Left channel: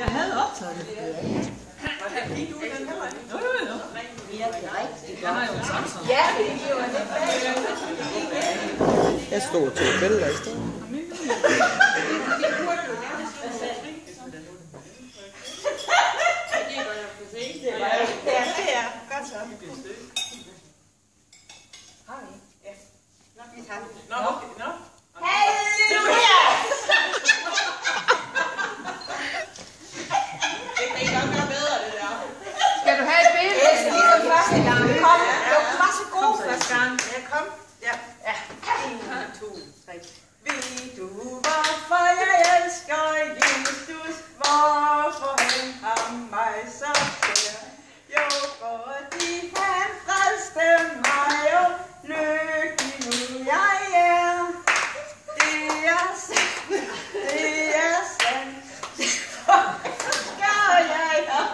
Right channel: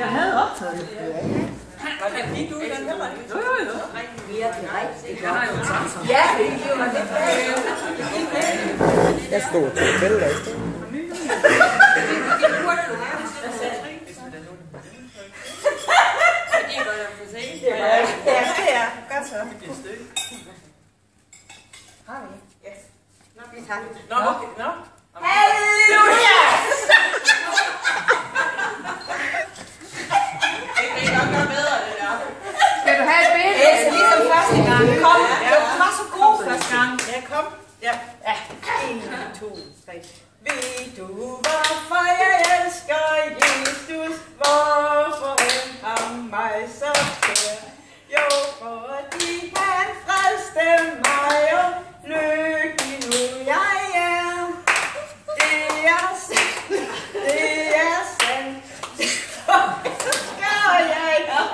Jeg havde optaget det. Hvordan gik du i den heller? Jo. Jeg har jo taget. Ja, det var det. Jeg stod til billeder i stedet. Ja, det er. Godt så. Har vi? Ja. Nå, vi tager det. Nå, okay. Nå. Halleluja! Det er nok noget bedre, det der. Skal du have et billede? Det er ligesom første gang. Kom. Du var så god første gang. Ja, kom. Ja. 1, 2, 3. Ved du, hvorfor jeg elsker Jesus? Hvorfor han har mig så kær? Jo, fordi han frelste mig, og lykkelig nu jeg er. Det er sandt, det er sandt. Derfor elsker jeg dig.